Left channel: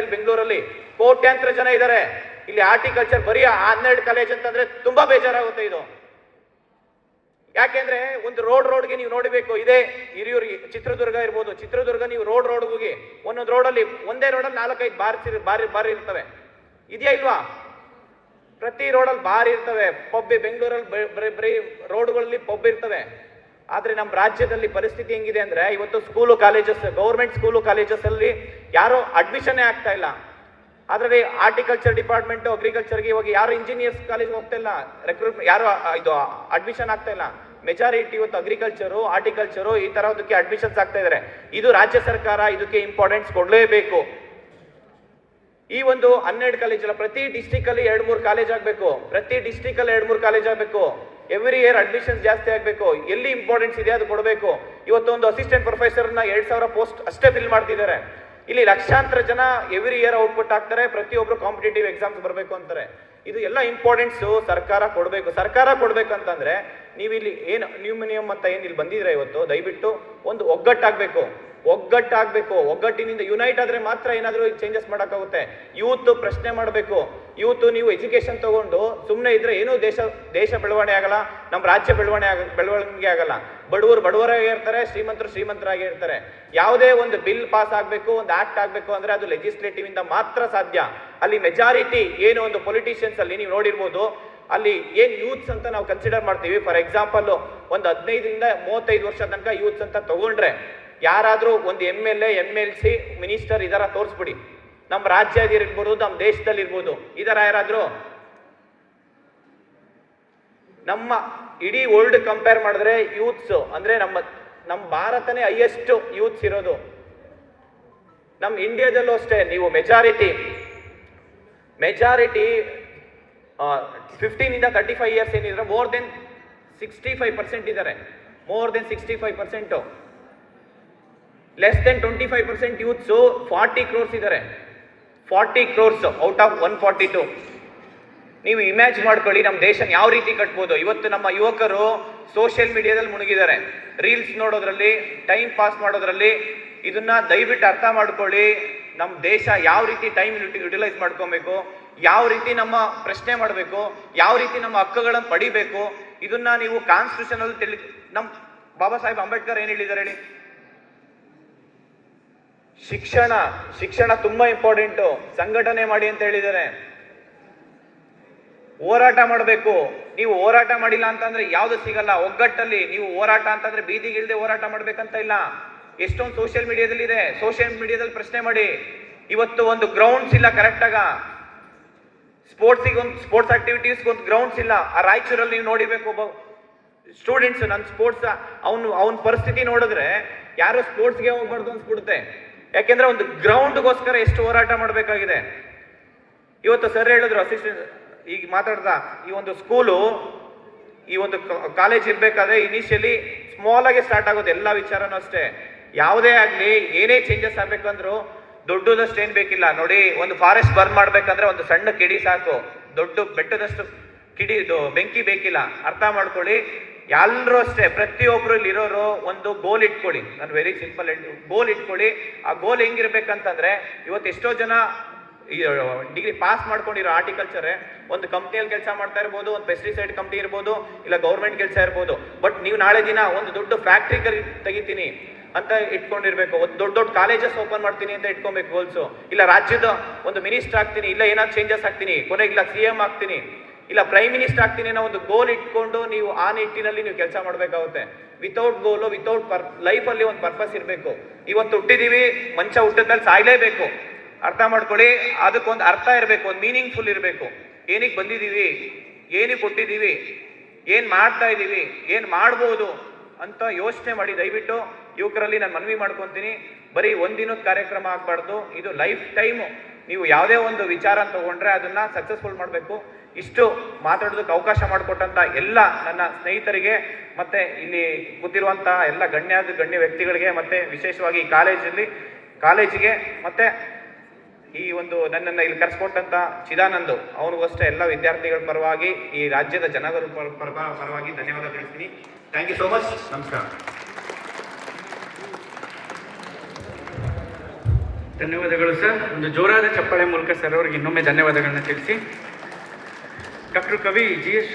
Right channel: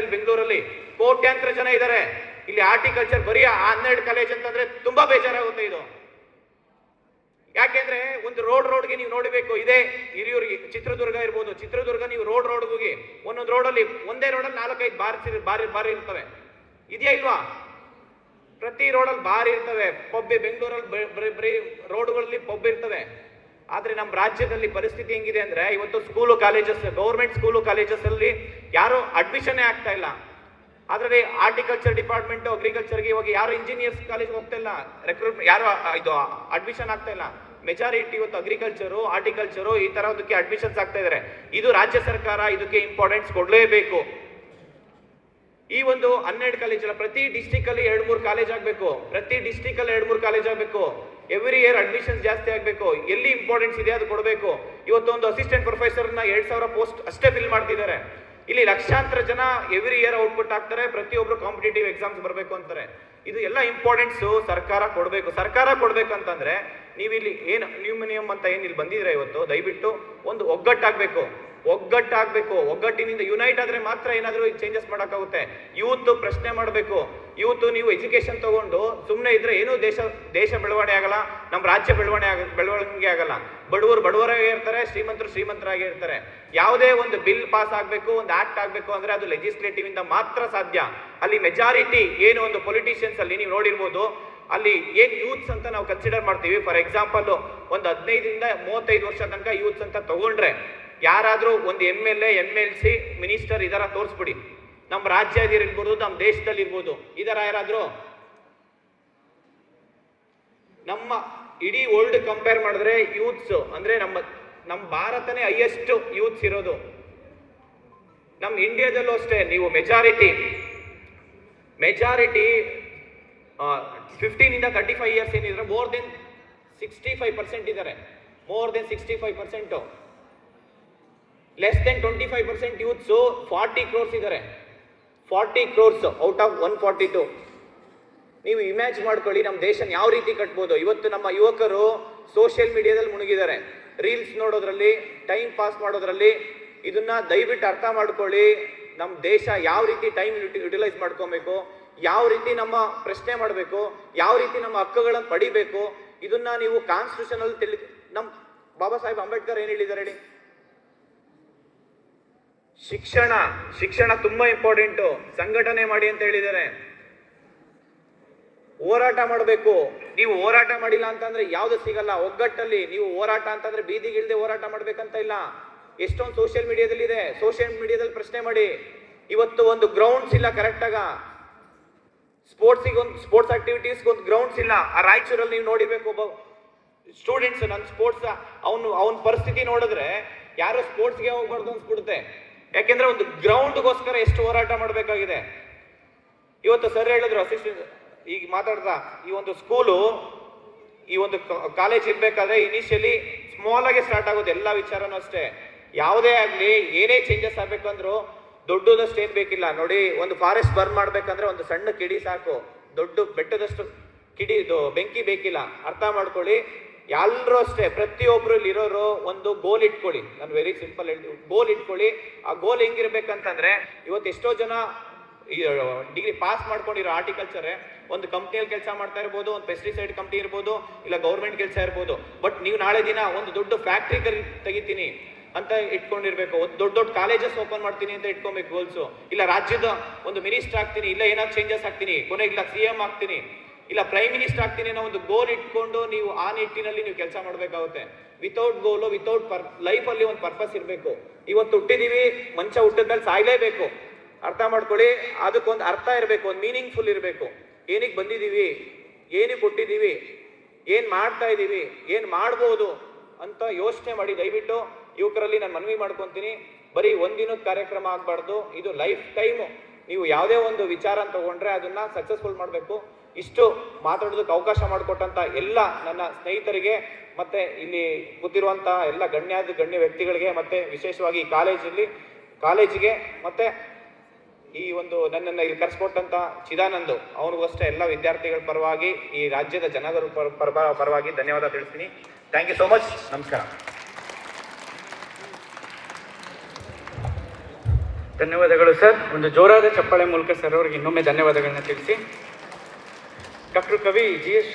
ಇಲ್ಲಿ ಬೆಂಗಳೂರಲ್ಲಿ ಕೋಟ್ಯಾಂತರ ಜನ ಇದ್ದಾರೆ. ಇಲ್ಲಿ ಹಾರ್ಟಿಕಲ್ಚರ್ ಬರೀ 12 ಕಾಲೇಜ್ ಅಂತಂದ್ರೆ ತುಂಬಾ ಬೇಜಾರಾಗುತ್ತೆ ಇದು. ಯಾಕೆಂದ್ರೆ ಒಂದು ರೋಡ್ಗೆ ನೀವು ನೋಡಬೇಕು. ಇದೇ ಹಿರಿಯೂರು ಚಿತ್ರದುರ್ಗ ಇರ್ಬೋದು, ಚಿತ್ರದುರ್ಗ ನೀವು ರೋಡ್ ಹೋಗಿ ಒಂದೊಂದು ರೋಡಲ್ಲಿ ಒಂದೇ ರೋಡಲ್ಲಿ 4-5 ಬಾರಿ ಇರ್ತವೆ. ಇದೆಯಾ ಇಲ್ವಾ? ಪ್ರತಿ ರೋಡಲ್ಲಿ ಬಾರ್ ಇರ್ತವೆ, ಪಬ್. ಬೆಂಗಳೂರಲ್ಲಿ ಬರೀ ರೋಡ್ಗಳಲ್ಲಿ ಪಬ್ ಇರ್ತವೆ. ಆದ್ರೆ ನಮ್ಮ ರಾಜ್ಯದಲ್ಲಿ ಪರಿಸ್ಥಿತಿ ಹೆಂಗಿದೆ ಅಂದ್ರೆ, ಇವತ್ತು school colleges, government school colleges ಅಲ್ಲಿ ಯಾರು ಅಡ್ಮಿಷನ್ ಆಗ್ತಾ ಇಲ್ಲ. ಆದ್ರೆ ಹಾರ್ಟಿಕಲ್ಚರ್ ಡಿಪಾರ್ಟ್ಮೆಂಟ್, ಅಗ್ರಿಕಲ್ಚರ್ಗೆ ಇವಾಗ ಯಾರು ಇಂಜಿನಿಯರ್ಸ್ ಕಾಲೇಜ್ ಹೋಗ್ತಾ ಇಲ್ಲ, ರೆಕ್ರೂಟ್ಮೆಂಟ್ ಯಾರು ಇದು ಅಡ್ಮಿಷನ್ ಆಗ್ತಾ ಇಲ್ಲ. ಮೆಜಾರಿಟಿ ಇವತ್ತು ಅಗ್ರಿಕಲ್ಚರು, ಹಾರ್ಟಿಕಲ್ಚರು ಈ ತರದಕ್ಕೆ ಅಡ್ಮಿಷನ್ಸ್ ಆಗ್ತಾ ಇದಾರೆ. ಇದು ರಾಜ್ಯ ಸರ್ಕಾರ ಇದಕ್ಕೆ ಇಂಪಾರ್ಟೆನ್ಸ್ ಕೊಡ್ಲೇಬೇಕು. ಈ ಒಂದು 12 ಕಾಲೇಜ್ ಅಲ್ಲ, ಪ್ರತಿ ಡಿಸ್ಟಿಕ್ ಅಲ್ಲಿ 2-3 ಕಾಲೇಜ್ ಆಗ್ಬೇಕು. ಪ್ರತಿ ಡಿಸ್ಟಿಕ್ ಅಲ್ಲಿ 2-3 ಕಾಲೇಜ್ ಆಗ್ಬೇಕು. ಎವ್ರಿ ಇಯರ್ ಅಡ್ಮಿಷನ್ ಜಾಸ್ತಿ ಆಗ್ಬೇಕು. ಎಲ್ಲಿ ಇಂಪಾರ್ಟೆನ್ಸ್ ಇದೆ ಅದು ಕೊಡಬೇಕು. ಇವತ್ತು ಒಂದು ಅಸಿಸ್ಟೆಂಟ್ ಪ್ರೊಫೆಸರ್ನ 2,000 ಪೋಸ್ಟ್ ಅಷ್ಟೇ ಫಿಲ್ ಮಾಡ್ತಿದ್ದಾರೆ. ಇಲ್ಲಿ ಲಕ್ಷಾಂತರ ಜನ ಎವ್ರಿ ಇಯರ್ ಔಟ್ಪುಟ್ ಆಗ್ತಾರೆ. ಪ್ರತಿಯೊಬ್ರು ಕಾಂಪಿಟೇಟಿವ್ ಎಕ್ಸಾಮ್ಸ್ ಬರಬೇಕು ಅಂತಾರೆ. ಇದು ಎಲ್ಲ ಇಂಪಾರ್ಟೆನ್ಸ್ ಸರ್ಕಾರ ಕೊಡಬೇಕು. ಸರ್ಕಾರ ಕೊಡ್ಬೇಕಂತಂದ್ರೆ ನೀವಿಲ್ಲಿ ಏನು ನಿಯಮ ಅಂತ ಏನ್ ಇಲ್ಲಿ ಬಂದಿದ್ರೆ ಇವತ್ತು, ದಯವಿಟ್ಟು ಒಂದು ಒಗ್ಗಟ್ಟಾಗಬೇಕು. ಒಗ್ಗಟ್ಟಿನಿಂದ ಯುನೈಟ್ ಆದ್ರೆ ಮಾತ್ರ ಏನಾದರೂ ಚೇಂಜಸ್ ಮಾಡೋಕ್ಕಾಗುತ್ತೆ. ಯೂತ್ ಪ್ರಶ್ನೆ ಮಾಡಬೇಕು. ಯೂತ್ ನೀವು ಎಜುಕೇಶನ್ ತಗೊಂಡು ಸುಮ್ಮನೆ ಇದ್ರೆ ಏನೂ ದೇಶ ಬೆಳವಣಿಗೆ ಆಗಲ್ಲ, ನಮ್ಮ ರಾಜ್ಯ ಬೆಳವಣಿಗೆ ಆಗಲ್ಲ. ಬಡವರಾಗಿ ಇರ್ತಾರೆ, ಶ್ರೀಮಂತರಾಗಿ ಇರ್ತಾರೆ. ಯಾವುದೇ ಒಂದು ಬಿಲ್ ಪಾಸ್ ಆಗಬೇಕು, ಒಂದು ಆಕ್ಟ್ ಆಗಬೇಕು ಅಂದ್ರೆ ಅದು ಲೆಜಿಸ್ಲೇಟಿವ್ ಇಂದ ಮಾತ್ರ ಸಾಧ್ಯ. ಅಲ್ಲಿ ಮೆಜಾರಿಟಿ ಏನು ಒಂದು ಪೊಲಿಟಿಷಿಯನ್ಸ್ ಅಲ್ಲಿ ನೀವು ನೋಡಿರ್ಬೋದು, ಅಲ್ಲಿ ಏನ್ ಯೂತ್ಸ್ ಅಂತ ನಾವು ಕನ್ಸಿಡರ್ ಮಾಡ್ತೀವಿ. ಫಾರ್ ಎಕ್ಸಾಂಪಲ್ ಒಂದು 15 ಇಂದ 35 ವರ್ಷ ತನಕ ಯೂತ್ಸ್ ಅಂತ ತಗೊಂಡ್ರೆ ಯಾರಾದ್ರೂ ಒಂದು MLA, MLC, ಮಿನಿಸ್ಟರ್ ಇದರ ತೋರಿಸ್ಬಿಡಿ. ನಮ್ಮ ರಾಜ್ಯದಿರ್ಬೋದು, ನಮ್ಮ ದೇಶದಲ್ಲಿ ಇರ್ಬೋದು, ಇದರ ಯಾರಾದ್ರೂ? ನಮ್ಮ ಇಡೀ ವರ್ಲ್ಡ್ ಕಂಪೇರ್ ಮಾಡಿದ್ರೆ ಯೂತ್ಸ್ ಅಂದ್ರೆ ನಮ್ಮ ಭಾರತನೇ ಹೈಯೆಸ್ಟ್ ಯೂತ್ಸ್ ಇರೋದು. ನಮ್ಮ ಇಂಡಿಯಾದಲ್ಲೂ ಅಷ್ಟೇ. ನೀವು ಮೆಜಾರಿಟಿ 15 ಇಂದ 35 ಇಯರ್ಸ್ ಏನಿದ್ರೆ ಮೋರ್ ದೆನ್ 65% ಇದ್ದಾರೆ. More than 65%. Less than 25% youths 40 crores ಇದ್ದಾರೆ. 40 crores ಔಟ್ ಆಫ್ 142. ನೀವು ಇಮ್ಯಾಜಿನ್ ಮಾಡ್ಕೊಳ್ಳಿ ನಮ್ಮ ದೇಶ ಯಾವ ರೀತಿ ಕಟ್ಬೋದು. ಇವತ್ತು ನಮ್ಮ ಯುವಕರು ಸೋಷಿಯಲ್ ಮೀಡಿಯಾದಲ್ಲಿ ಮುಳುಗಿದ್ದಾರೆ, ರೀಲ್ಸ್ ನೋಡೋದ್ರಲ್ಲಿ, ಟೈಮ್ ಪಾಸ್ ಮಾಡೋದ್ರಲ್ಲಿ. ಇದನ್ನ ದಯವಿಟ್ಟು ಅರ್ಥ ಮಾಡ್ಕೊಳ್ಳಿ. ನಮ್ಮ ದೇಶ ಯಾವ ರೀತಿ ಟೈಮ್ ಯುಟಿಲೈಸ್ ಮಾಡ್ಕೊಬೇಕು, ಯಾವ ರೀತಿ ನಮ್ಮ ಪ್ರಶ್ನೆ ಮಾಡಬೇಕು, ಯಾವ ರೀತಿ ನಮ್ಮ ಹಕ್ಕುಗಳನ್ನು ಪಡಿಬೇಕು, ಇದನ್ನ ನೀವು ಕಾನ್ಸ್ಟಿಟ್ಯೂಷನ್ ಅಲ್ಲಿ ನಮ್ಮ ಬಾಬಾ ಸಾಹೇಬ್ ಅಂಬೇಡ್ಕರ್ ಏನ್ ಹೇಳಿದ್ದಾರೆ ಹೇಳಿ? ಶಿಕ್ಷಣ ತುಂಬಾ ಇಂಪಾರ್ಟೆಂಟು. ಸಂಘಟನೆ ಮಾಡಿ ಅಂತ ಹೇಳಿದ್ದಾರೆ. ಹೋರಾಟ ಮಾಡಬೇಕು. ನೀವು ಹೋರಾಟ ಮಾಡಿಲ್ಲ ಅಂತಂದ್ರೆ ಯಾವ್ದು ಸಿಗಲ್ಲ. ಒಗ್ಗಟ್ಟಲ್ಲಿ ನೀವು ಹೋರಾಟ ಅಂತಂದ್ರೆ ಬೀದಿಗಿಳ್ದೆ ಹೋರಾಟ ಮಾಡ್ಬೇಕಂತ ಇಲ್ಲ. ಎಷ್ಟೊಂದು ಸೋಷಿಯಲ್ ಮೀಡಿಯಾದಲ್ಲಿ ಇದೆ. ಸೋಷಿಯಲ್ ಮೀಡಿಯಾದಲ್ಲಿ ಪ್ರಶ್ನೆ ಮಾಡಿ. ಇವತ್ತು ಒಂದು ಗ್ರೌಂಡ್ಸ್ ಇಲ್ಲ ಕರೆಕ್ಟ್ ಆಗ. ಸ್ಪೋರ್ಟ್ಸ್ ಆಕ್ಟಿವಿಟೀಸ್ ಒಂದು ಗ್ರೌಂಡ್ಸ್ ಇಲ್ಲ. ಆ ರಾಯಚೂರಲ್ಲಿ ನೀವು ನೋಡಿರ್ಬೇಕು, ಒಬ್ಬ ಸ್ಟೂಡೆಂಟ್ಸ್ ನನ್ನ ಸ್ಪೋರ್ಟ್ಸ್ ಅವನ ಪರಿಸ್ಥಿತಿ ನೋಡಿದ್ರೆ ಯಾರು ಸ್ಪೋರ್ಟ್ಸ್ಗೆ ಹೋಗ್ಬಾರ್ದು ಅನ್ಸ್ಬಿಡುತ್ತೆ. ಯಾಕೆಂದ್ರೆ ಒಂದು ಗ್ರೌಂಡ್ಗೋಸ್ಕರ ಎಷ್ಟು ಹೋರಾಟ ಮಾಡಬೇಕಾಗಿದೆ. ಇವತ್ತು ಸರ್ ಹೇಳಿದ್ರು, ಅಸಿಸ್ಟೆಂಟ್ ಈಗ ಮಾತಾಡ್ದ, ಈ ಒಂದು ಸ್ಕೂಲು, ಈ ಒಂದು ಕಾಲೇಜ್ ಇರ್ಬೇಕಾದ್ರೆ ಇನಿಷಿಯಲಿ ಸ್ಮಾಲ್ ಆಗಿ ಸ್ಟಾರ್ಟ್ ಆಗೋದು. ಎಲ್ಲ ವಿಚಾರನೂ ಅಷ್ಟೇ. ಯಾವುದೇ ಆಗ್ಲಿ, ಏನೇ ಚೇಂಜಸ್ ಆಗ್ಬೇಕಂದ್ರು ದೊಡ್ಡದಷ್ಟು ಏನ್ ಬೇಕಿಲ್ಲ. ನೋಡಿ, ಒಂದು ಫಾರೆಸ್ಟ್ ಬರ್ನ್ ಮಾಡ್ಬೇಕಂದ್ರೆ ಒಂದು ಸಣ್ಣ ಕಿಡಿ ಸಾಕು. ದೊಡ್ಡ ಬೆಟ್ಟದಷ್ಟು ಬೆಂಕಿ ಬೇಕಿಲ್ಲ. ಅರ್ಥ ಮಾಡ್ಕೊಳ್ಳಿ. ಎಲ್ಲರೂ ಅಷ್ಟೇ, ಪ್ರತಿಯೊಬ್ಬರಲ್ಲಿ ಇರೋರು ಒಂದು ಗೋಲ್ ಇಟ್ಕೊಳ್ಳಿ. ನಾನು ವೆರಿ ಸಿಂಪಲ್ ಗೋಲ್ ಇಟ್ಕೊಳ್ಳಿ. ಆ ಗೋಲ್ ಹೆಂಗಿರ್ಬೇಕಂತಂದ್ರೆ, ಇವತ್ತು ಎಷ್ಟೋ ಜನ ಡಿಗ್ರಿ ಪಾಸ್ ಮಾಡ್ಕೊಂಡಿರೋ ಹಾರ್ಟಿಕಲ್ಚರ್ ಒಂದು ಕಂಪ್ನಿಯಲ್ಲಿ ಕೆಲಸ ಮಾಡ್ತಾ ಇರ್ಬೋದು, ಒಂದು ಪೆಸ್ಟಿಸೈಡ್ ಕಂಪ್ನಿ ಇರ್ಬೋದು, ಇಲ್ಲ ಗೌರ್ಮೆಂಟ್ ಕೆಲಸ ಇರ್ಬೋದು. ಬಟ್ ನೀವು ನಾಳೆ ದಿನ ಒಂದು ದೊಡ್ಡ ಫ್ಯಾಕ್ಟ್ರಿ ತೆಗಿತೀನಿ ಅಂತ ಇಟ್ಕೊಂಡಿರ್ಬೇಕು. ಒಂದು ದೊಡ್ಡ ಕಾಲೇಜಸ್ ಓಪನ್ ಮಾಡ್ತೀನಿ ಅಂತ ಇಟ್ಕೊಬೇಕು ಗೋಲ್ಸು. ಇಲ್ಲ ರಾಜ್ಯದ ಒಂದು ಮಿನಿಸ್ಟರ್ ಆಗ್ತೀನಿ, ಇಲ್ಲ ಏನಾದ್ರು ಚೇಂಜಸ್ ಆಗ್ತೀನಿ, ಕೊನೆಗೆ ಇಲ್ಲ CM ಆಗ್ತೀನಿ, ಇಲ್ಲ ಪ್ರೈಮ್ ಮಿನಿಸ್ಟರ್ ಆಗ್ತೀನಿ ಅನ್ನೋ ಒಂದು ಗೋಲ್ ಇಟ್ಕೊಂಡು ನೀವು ಆ ನಿಟ್ಟಿನಲ್ಲಿ ನೀವು ಕೆಲಸ ಮಾಡಬೇಕಾಗುತ್ತೆ. ವಿತೌಟ್ ಗೋಲು, ವಿತೌಟ್ ಲೈಫಲ್ಲಿ ಒಂದು ಪರ್ಪಸ್ ಇರಬೇಕು. ಇವತ್ತು ಹುಟ್ಟಿದೀವಿ, ಮಂಚ ಹುಟ್ಟಿದ್ಮೇಲೆ ಸಾಯ್ಲೇಬೇಕು. ಅರ್ಥ ಮಾಡ್ಕೊಳ್ಳಿ. ಅದಕ್ಕೊಂದು ಅರ್ಥ ಇರಬೇಕು, ಒಂದು ಮೀನಿಂಗ್ಫುಲ್ ಇರಬೇಕು. ಏನಕ್ಕೆ ಬಂದಿದ್ದೀವಿ, ಏನಕ್ಕೆ ಕೊಟ್ಟಿದ್ದೀವಿ, ಏನ್ ಮಾಡ್ತಾ ಇದ್ದೀವಿ, ಏನ್ ಮಾಡ್ಬೋದು ಅಂತ ಯೋಚನೆ ಮಾಡಿ. ದಯವಿಟ್ಟು ಯುವಕರಲ್ಲಿ ನಾನು ಮನವಿ ಮಾಡ್ಕೊತೀನಿ, ಬರೀ ಒಂದಿನದ ಕಾರ್ಯಕ್ರಮ ಆಗ್ಬಾರ್ದು. ಇದು ಲೈಫ್ ಟೈಮು. ನೀವು ಯಾವುದೇ ಒಂದು ವಿಚಾರ ತಗೊಂಡ್ರೆ ಅದನ್ನ ಸಕ್ಸಸ್ಫುಲ್ ಮಾಡಬೇಕು. ಇಷ್ಟು ಮಾತಾಡೋದಕ್ಕೆ ಅವಕಾಶ ಮಾಡಿಕೊಟ್ಟಂತ ಎಲ್ಲ ನನ್ನ ಸ್ನೇಹಿತರಿಗೆ, ಮತ್ತೆ ಇಲ್ಲಿ ಕೂತಿರುವಂತ ಎಲ್ಲ ಗಣ್ಯ ವ್ಯಕ್ತಿಗಳಿಗೆ, ಮತ್ತೆ ವಿಶೇಷವಾಗಿ ಕಾಲೇಜಿಗೆ, ಮತ್ತೆ ಈ ಒಂದು ನನ್ನನ್ನು ಇಲ್ಲಿ ಕರೆಸ್ಕೊಟ್ಟಂತ ಚಿದಾನಂದ್ ಅವ್ರಿಗೂ ಅಷ್ಟೇ ಎಲ್ಲ ವಿದ್ಯಾರ್ಥಿಗಳ ಪರವಾಗಿ, ಈ ರಾಜ್ಯದ ಜನರ ಪರವಾಗಿ ಧನ್ಯವಾದ ತಿಳಿಸ್ತೀನಿ. Thank you so much. ನಮಸ್ಕಾರ. ಧನ್ಯವಾದಗಳು ಸರ್. ಒಂದು ಜೋರಾದ ಚಪ್ಪಾಳೆ ಮೂಲಕ ಸರ್ ಅವರಿಗೆ ಇನ್ನೊಮ್ಮೆ ಧನ್ಯವಾದಗಳನ್ನ ತಿಳಿಸಿ. ಡಾಕ್ಟರ್ ಕವಿ GS